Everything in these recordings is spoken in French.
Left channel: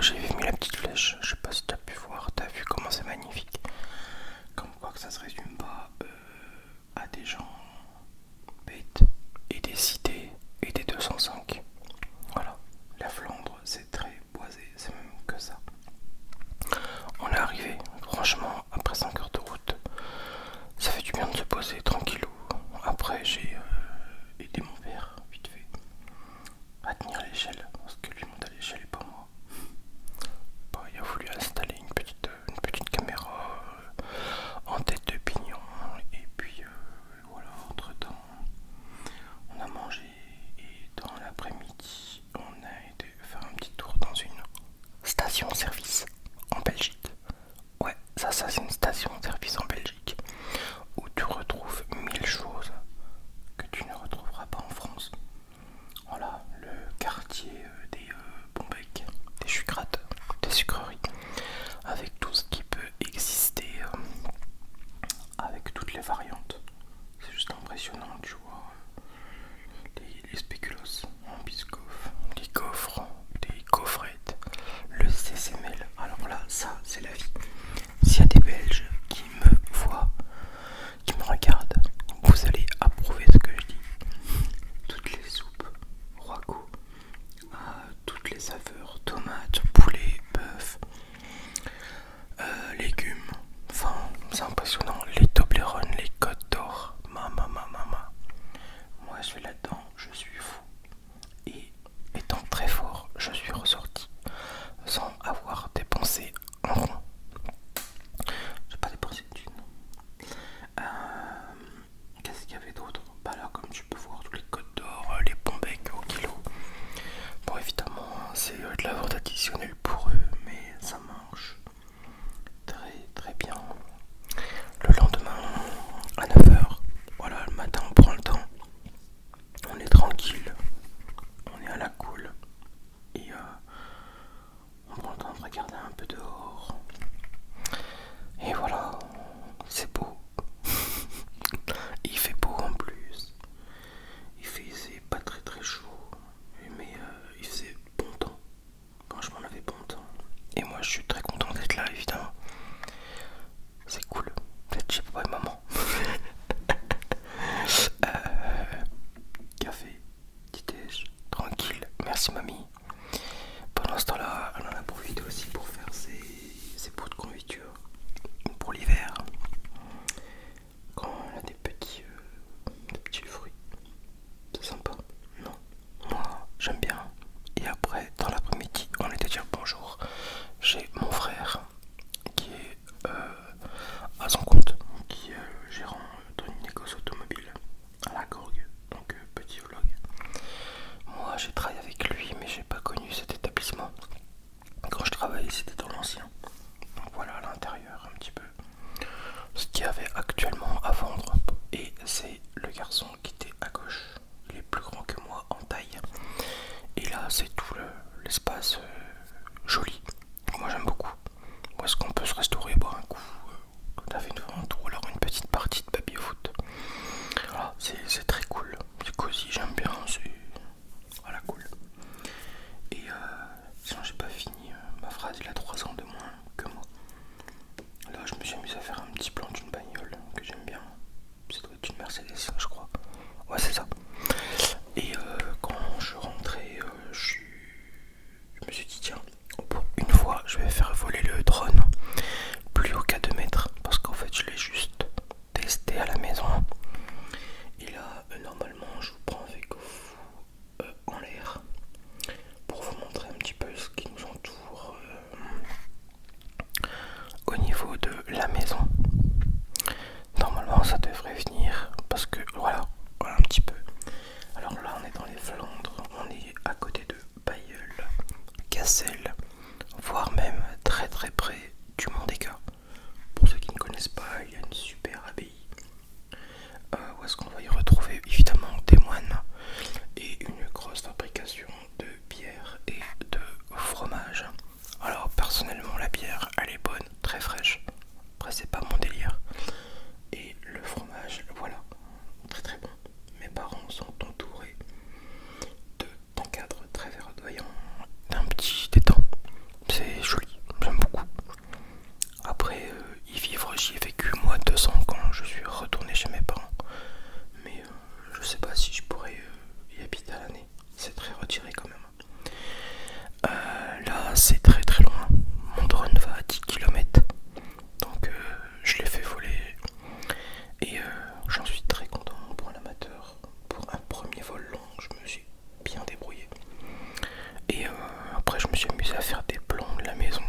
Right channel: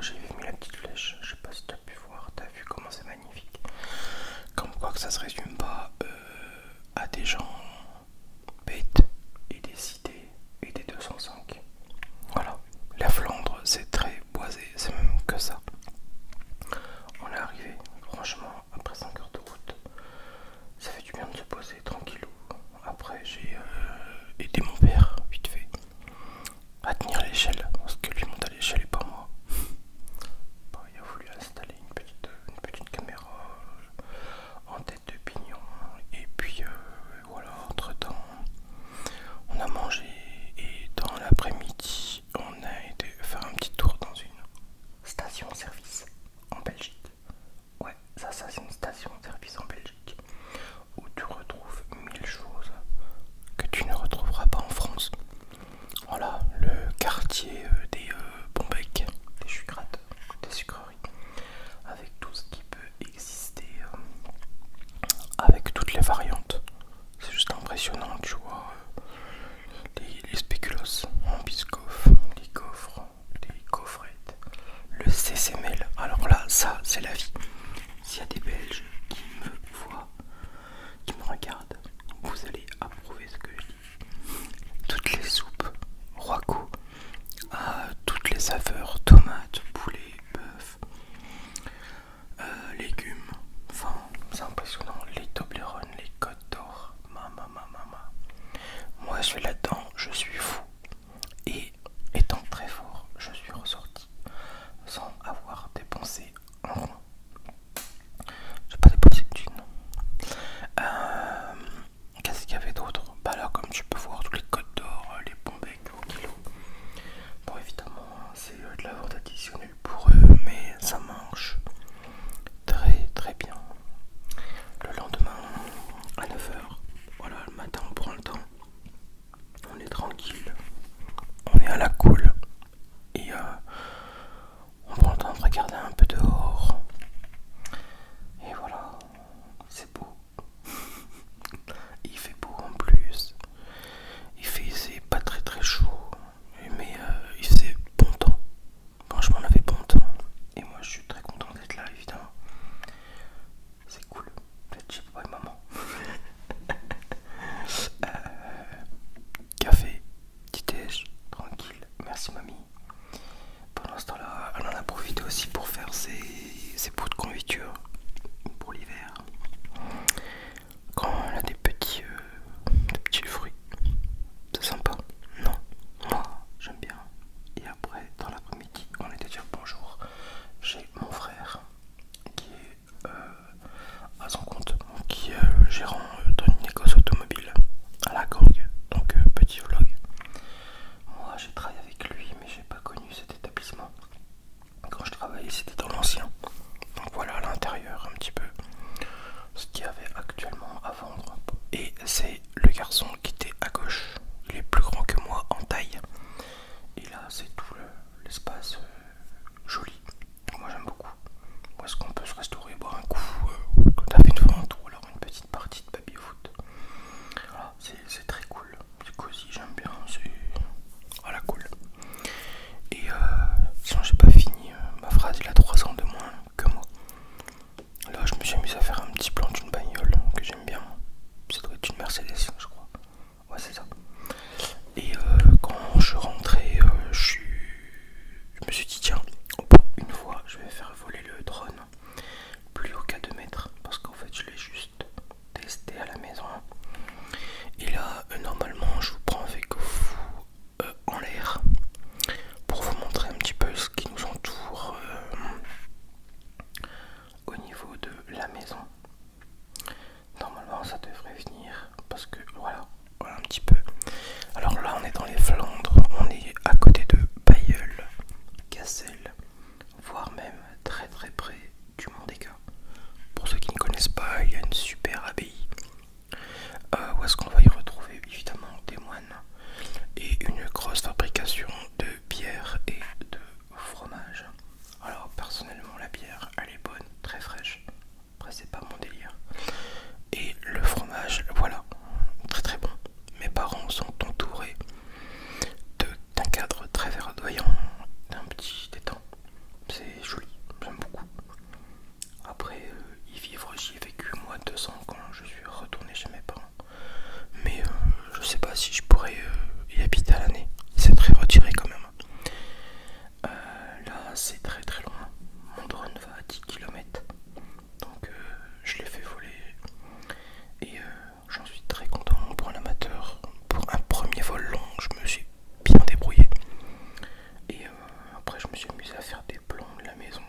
j'ai mis la petite flèche, je sais pas si t'as pu voir, t'as vu comment c'est magnifique. Comme quoi que ça se résume pas à des gens bêtes et des cités et des 205. Voilà, la Flandre c'est très boisé, c'est même que ça. On est arrivé, franchement, après 5 heures de route, ça fait du bien de se poser tranquillou. Après j'ai aidé mon père, vite fait, à tenir l'échelle, parce que lui monte à l'échelle et pas moi. Bah, il a voulu installer une petite caméra en tête de pignon. Et puis voilà, entre temps, on a mangé et dans l'après-midi, on a été faire un petit tour dans une station-service en Belgique. Ouais, ça c'est une station-service en Belgique où tu retrouves 1000 choses que tu ne retrouveras pas en France. Voilà, le quartier des bonbecs, des sucrates, des sucreries, avec tout ce qui peut exister, avec toutes les variantes. C'est juste impressionnant, tu vois. Les spéculoos en biscoff, les gaufres, des gaufrettes, le CCML. Alors là, ça, c'est la vie. S'il y a des Belges qui me voient, qui me regardent, vous allez approuver ce que je dis. Toutes les soupes, roico, toutes les saveurs, tomates, poulet, bœuf, légumes. Enfin, c'est impressionnant. Les Toblerone, les Côtes d'Or, mama. Moi, je vais là-dedans, je suis fou. Et étant très fort, je suis ressorti sans avoir dépensé un rond. J'ai pas dépensé de thunes. Qu'est-ce qu'il y avait d'autre? Bah là, comme tu peux voir, tous les Côtes d'Or, les bons becs au kilo. Bon, évidemment, c'est de la vente additionnelle pour eux, mais ça marche très très bien. Le lendemain, à 9 h, voilà, le matin, on prend le temps. On est tranquille, on est à la cool. Et on prend le temps de regarder un peu dehors. Et voilà, c'est beau. Il fait beau en plus. C'est pas très très chaud, mais il faisait bon temps. Franchement, on avait bon temps. Et moi, je suis très content d'être là, évidemment. C'est cool d'être chez papa et maman. Café, petit déj, tranquille. Merci mamie. Pendant ce temps-là, elle en a profité aussi pour faire ses pots de confiture pour l'hiver. Quand elle a des petits fruits, c'est sympa. Non, moi j'aime bien. Et après, dans l'après-midi, on était dire bonjour chez mon frère qui est à son compte, qui est gérant dans une négoce automobile à la Gorgue. Donc petit vlog. Moi j'ai travaillé avec lui, mais j'ai pas connu cet établissement. Quand je travaillais, c'était dans l'ancien. Donc voilà à l'intérieur un petit peu ce qu'il y avait actuellement à vendre. Et c'est le garçon qui était à gauche. Il est plus grand que moi en taille. Et là, c'est tout l'espace joli. Moi, j'aime beaucoup. Où est-ce qu'on peut se restaurer, boire un coup quand t'as fait une vente ou alors une petite partie de baby-foot. Voilà, c'est très cool. C'est cosy, j'aime bien. C'est voilà, cool. Et sinon, j'ai pas fini ma phrase. Il a 3 ans de moins que moi. Là, je me suis amusé à faire un petit plan d'une bagnole que j'aime bien. Ça doit être une Mercedes, je crois. Ouais, c'est ça. Et quand je rentrais, je me suis dit c'est joli, j'aime beaucoup. Après, y vivre, j'y ai vécu moi 2 ans quand je suis retourné chez mes parents. Mais je sais pas si je pourrais y habiter à l'année. C'est très retiré quand même. Là, c'est très très loin. Mon drone va à 10 km. Donc je l'ai fait voler. Et j'en suis très content pour un amateur. Pour un premier vol long, je me suis bien débrouillé. Et après, je me suis amusé à faire des plans de la maison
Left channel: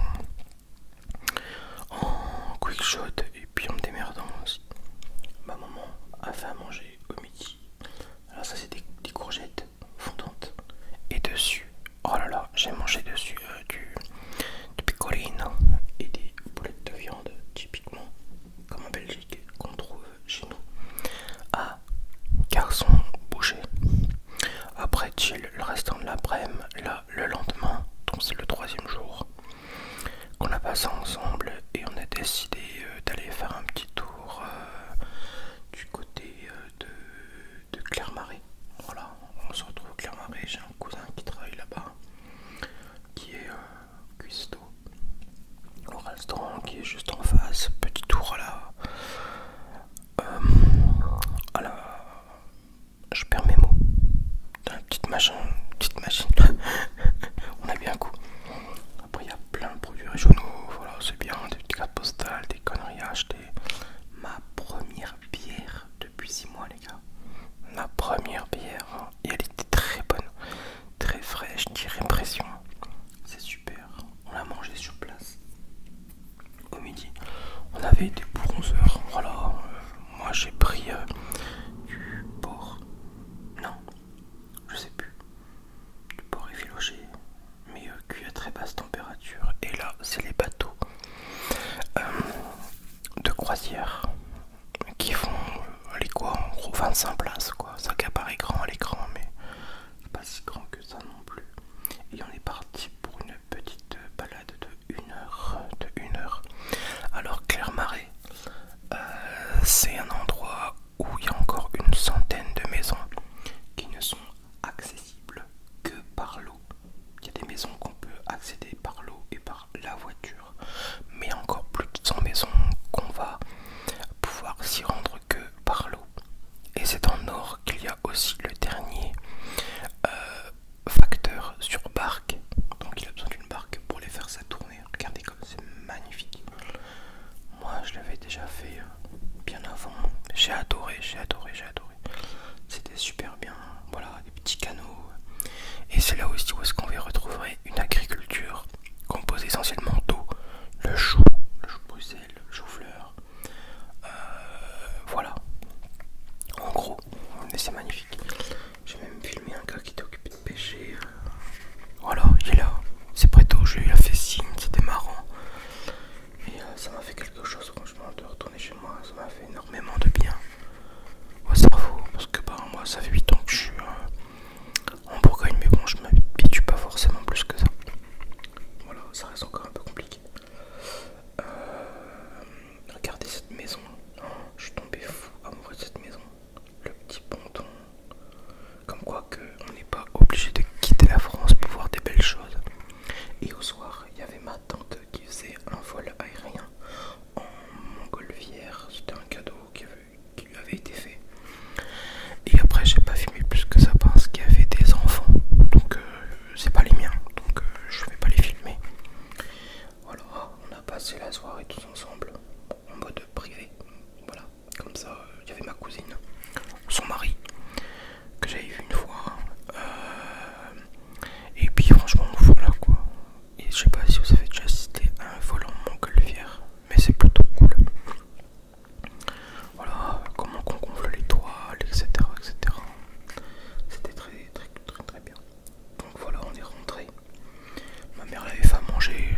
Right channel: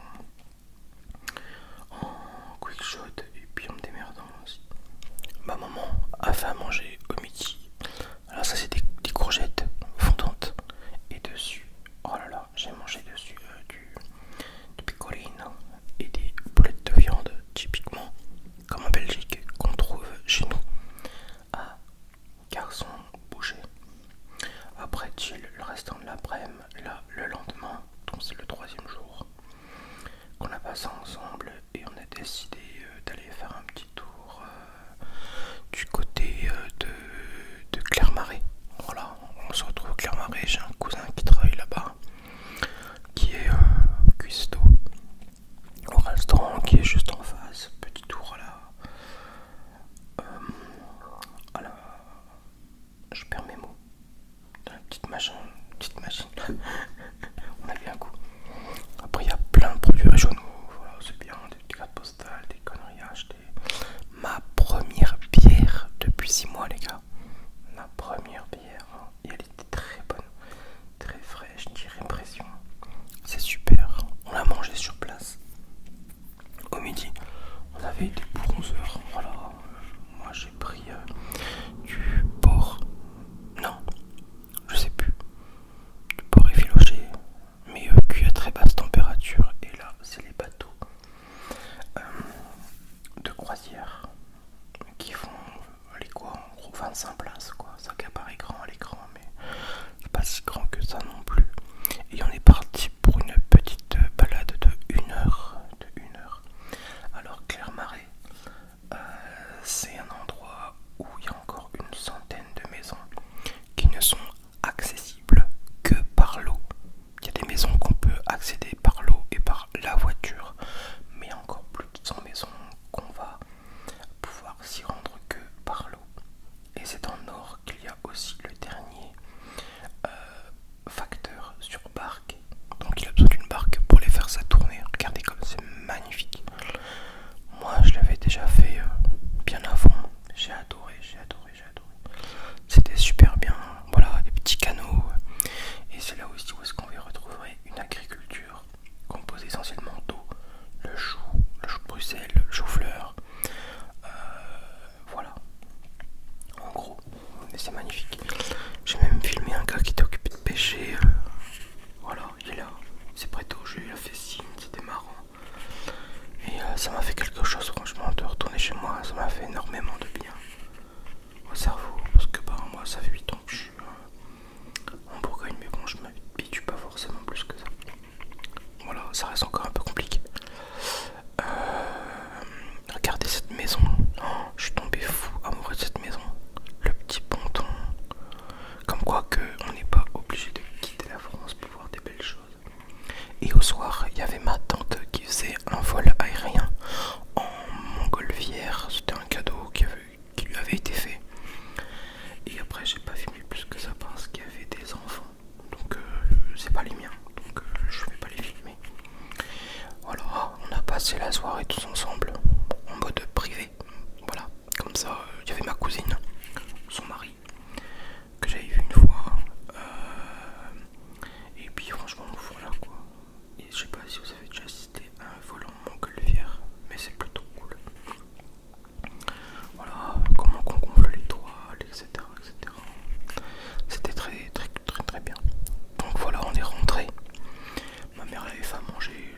en quick shot et puis en me démerdant aussi. Ma maman a fait à manger au midi. Alors ça c'est des courgettes fondantes et dessus, oh là là, j'ai mangé dessus du pecorino et des boulettes de viande typiquement comme en Belgique qu'on trouve chez nous à Garçon Boucher. Après chill le restant de l'après-midi, là le lendemain, donc c'est le 3e jour qu'on a passé ensemble et on a décidé d'aller faire un petit tour du côté de Clermarais. Voilà, on se retrouve au Clermarais, j'ai un cousin qui travaille là-bas, qui est cuistot, au restaurant qui est juste en face, petit tour à la je perds mes mots, dans la petite machine, on a bien un coup. Après il y a plein de produits régionaux, voilà, c'est bien, des petites cartes postales, des conneries à acheter. Ma première bière depuis 6 mois les gars. Ma première bière, et elle était très bonne, très fraîche, tirée pression. C'est super, on l'a mangé sur place. Au midi, on avait des bronzeurs, voilà. Moi j'ai pris du porc, non, je sais plus, du porc effiloché, mais cuit à très basse température. Et là, c'est les bateaux de croisière qui font, allez quoi, en gros 25 places quoi. Ça paraît grand à l'écran, mais pas si grand que ça non plus. Et on est parti pour une petite balade de 1 heure. Alors Clermarais, c'est un endroit où il y a encore une centaine de maisons qui ne sont accessibles que par l'eau. Il y a des maisons qu'on peut accéder par l'eau et par la voiture, mais encore plus de 100 maisons qu'on va pouvoir s'y rendre que par l'eau. Et c'est en Nord qu'il y a aussi le dernier facteur sur barque. Donc il a besoin d'une barque pour les faire ça tourner. Regardez comme c'est magnifique. Moi je l'avais déjà fait bien avant. J'ai adoré. C'était super bien. Voilà, des petits canaux. Et c'est là aussi où est-ce qu'on va retrouver une agriculture composée essentiellement d'eau. Le chou de Bruxelles, le chou-fleur. Voilà. En gros, c'est magnifique. J'ai même filmé un gars qui était occupé de pêcher. Voilà, il est là. C'est près d'eau, je lui ai fait signe, c'était marrant. Et ça m'a fait quelque chose, franchement, de retourner chez moi. Ça m'a fait énormément de bien au cerveau. Parce que moi, ça fait 8 ans que je suis en Bourgogne, mais bon, je m'habitue pas forcément plus que ça. Voilà, ça reste encore un peu compliqué. Regardez cette maison. Oh, je suis tombé fou amoureux de cette maison. Le petit ponton. Comme quoi que on n'est pas obligé de quitter la France pour voir des belles choses. Et au soir, il y avait ma tante qui faisait un vol aérien en montgolfière. C'était un cadeau qui lui avait été fait. Et après, j'ai pas filmé plus que ça parce qu'il y avait des enfants. Donc, c'est pas les miens. Donc, je vais pas les filmer. Voilà, on a passé la soirée tous ensemble en mode privé. Voilà, comme ça, il y avait ma cousine, son mari, que j'avais vu une fois. Et puis franchement, voilà quoi. Et je sais pas si vous avez déjà assisté à un vol en montgolfière, mais c'est plutôt cool. Voilà, comment qu'on gonfle l'étoile, etc. C'était très bien. Donc voilà, on est rentré. Ma mère l'avait fait à manger,